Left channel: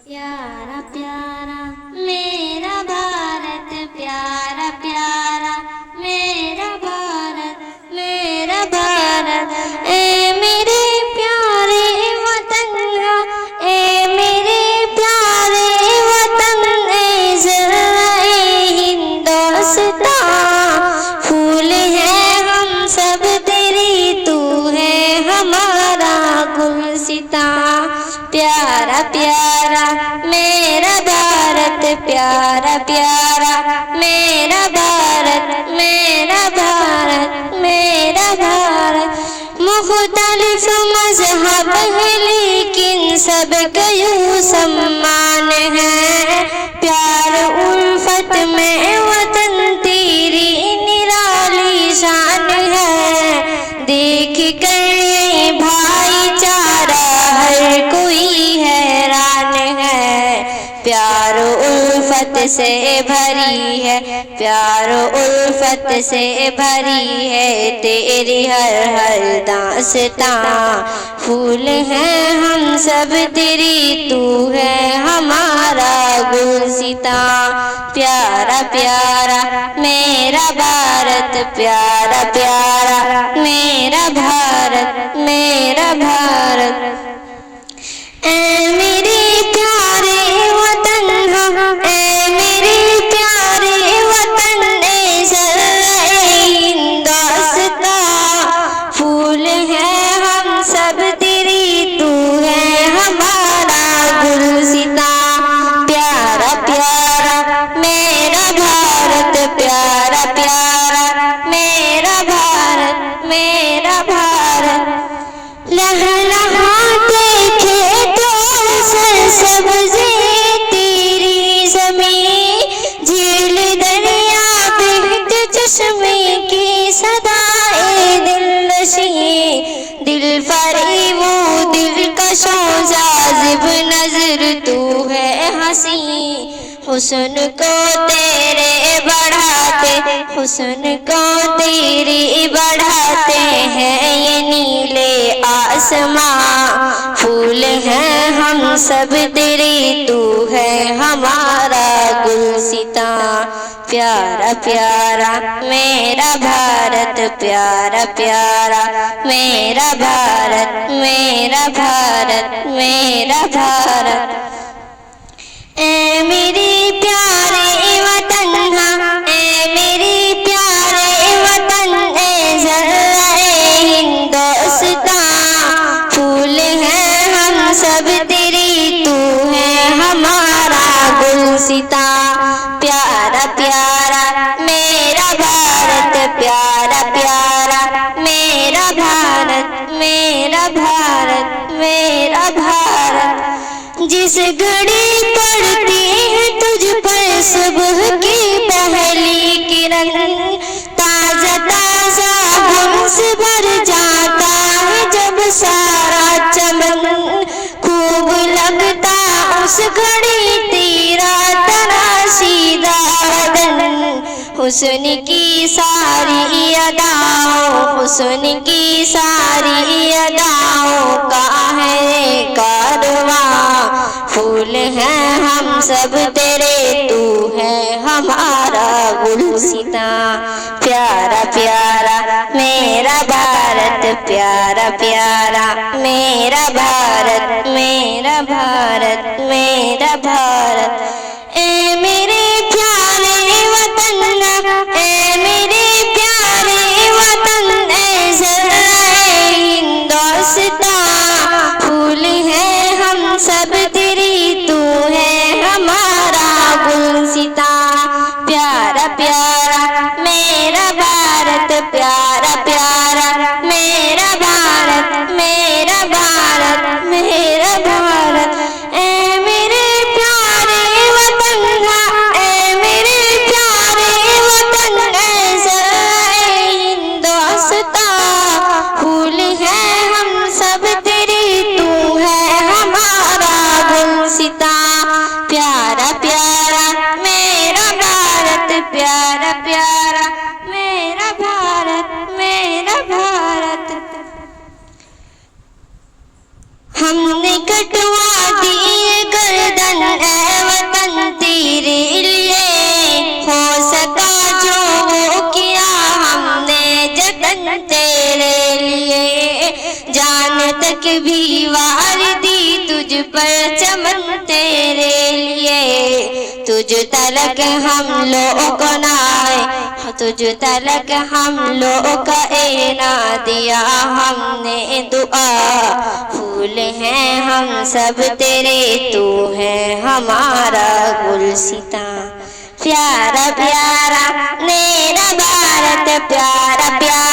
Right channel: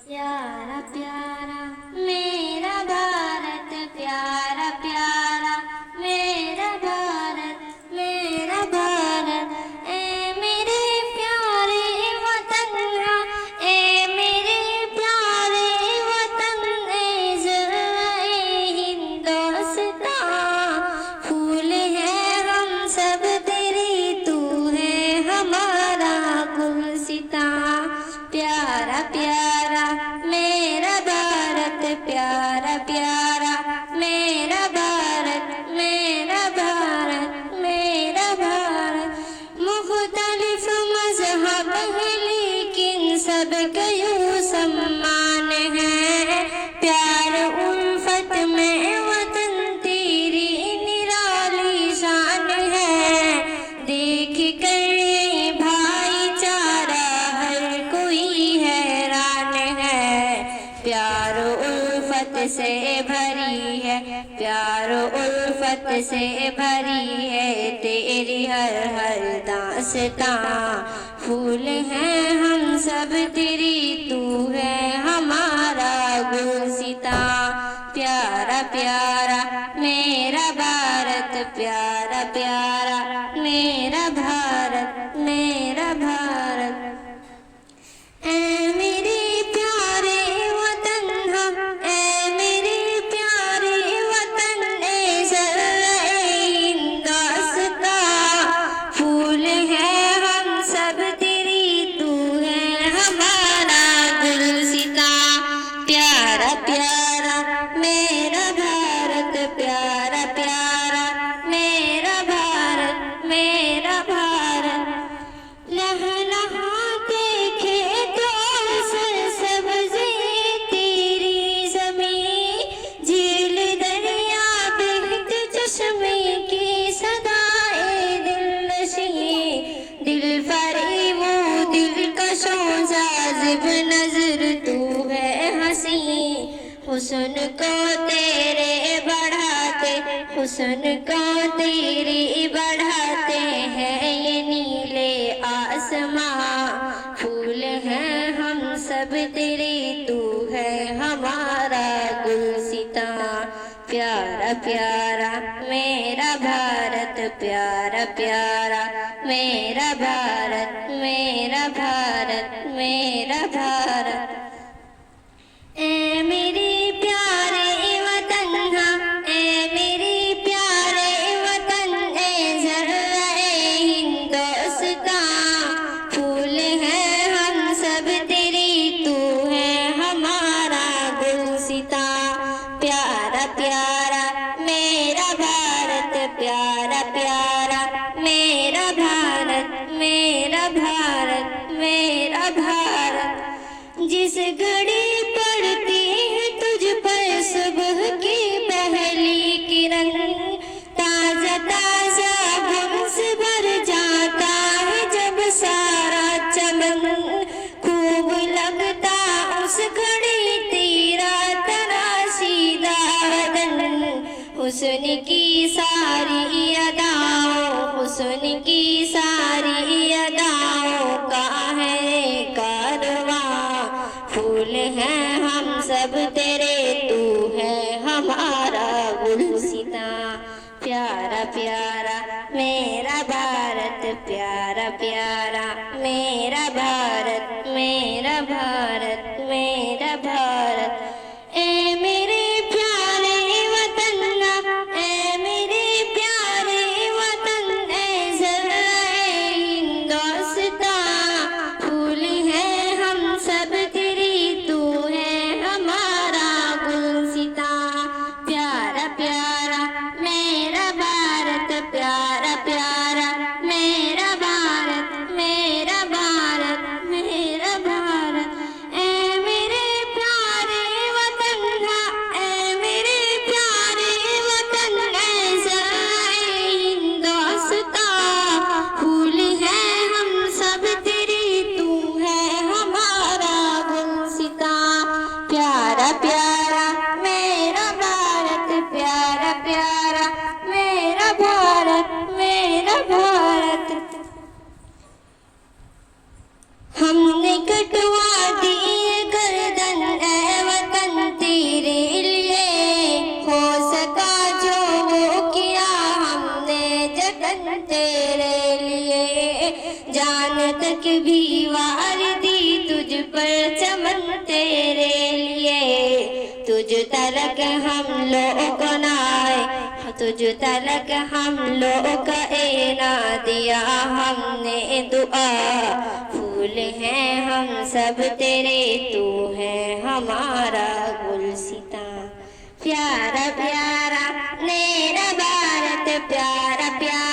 प्यारा प्यारा मेरा भारत, प्यारा प्यारा मेरा भारत, मेरा भारत। ए मेरे प्यारे वतन, ए मेरे प्यारे वतन, ए ज़राए हिंदुस्तान। फूल है हम सब तेरी, तू है हमारा गुलसितां। प्यारा प्यारा मेरा भारत, प्यारा प्यारा मेरा भारत, मेरा भारत, मेरा भारत। मुख्तलिफ मज़हब है लेकिन सबका यूं सम्मान है। प्यार उल्फत में वतन तेरी निराली शान है। देख कर भाईचारा हर कोई हैरान है। प्यार उल्फत से भरी है, प्यार उल्फत से भरी है तेरी हर हर दास्तां। फूल हैं हम सब तेरी, तू है हमारा गुलसितां। प्यारा प्यारा मेरा भारत, प्यारा प्यारा मेरा भारत, मेरा भारत। ए मेरे प्यारे वतन, ए मेरे प्यारे वतन, ए ज़राए हिंदुस्तां। फूल है हम सब तेरी, तू है हमारा गुलसितां। प्यारा प्यारा मेरा भारत, प्यारा प्यारा मेरा भारत, मेरा भारत। लहलहाते खेतों सरसब्ज़े तेरी ज़मीं, झील दरिया बहते चश्मे की सदाए दिलनशी। दिल फरेबो दिलकशों जाज़िब नज़र तू है हंसी। हुस्न को तेरे बढ़ाते, हुस्न को तेरी बढ़ाते हैं ये नीले आसमां। फूल हैं हम सब तेरे, तू है हमारा गुलसितां। प्यारा प्यारा मेरा भारत, प्यारा प्यारा मेरा भारत, मेरा भारत, मेरा भारत। ए मेरे प्यारे वतन, ए मेरे प्यारे वतन, ए ज़राए हिंदुस्तां। फूल हैं हम सब तेरी, तू है हमारा गुलसितां। प्यारा प्यारा मेरा भारत, प्यारा प्यारा मेरा भारत, मेरा भारत, मेरा भारत। जिस घड़ी पड़ती है तुझ पर सुबह की पहली किरण, ताजा ताजा गम से भर जाता है जब सारा चमन। खूब लगता उस घड़ी तेरा तराशीदा बदन। हुस्न की सारी अदाओं, हुस्न की सारी अदाओं का है कारवां। फूल हैं हम सब तेरे, तू है हमारा गुलसितां। प्यारा प्यारा मेरा भारत, प्यारा प्यारा मेरा भारत, मेरा भारत, मेरा भारत। ए मेरे प्यारे वतन, ए मेरे प्यारे वतन, ए ज़राए हिंदुस्तां। फूल हैं हम सब तेरी, तू है हमारा गुलसितां। प्यारा प्यारा मेरा भारत, प्यारा प्यारा मेरा भारत, मेरा भारत, मेरा भारत। ए मेरे प्यारे वतन, ए मेरे प्यारे वतन, ए ज़राए हिंदुस्तां। फूल हैं हम सब तेरी, तू है हमारा गुलसितां। प्यारा प्यारा मेरा भारत, प्यारा प्यारा मेरा भारत, मेरा भारत। हमने कटवा दी गर्दन चमन तेरे लिए, तुझ तलक हम लोग को ना आए, तुझ तलक हम लोग का ना दिया हमने दुआ। फूल हैं हम सब तेरे, तू है हमारा गुलसितां। प्यारा प्यारा मेरा भारत, प्यारा प्यारा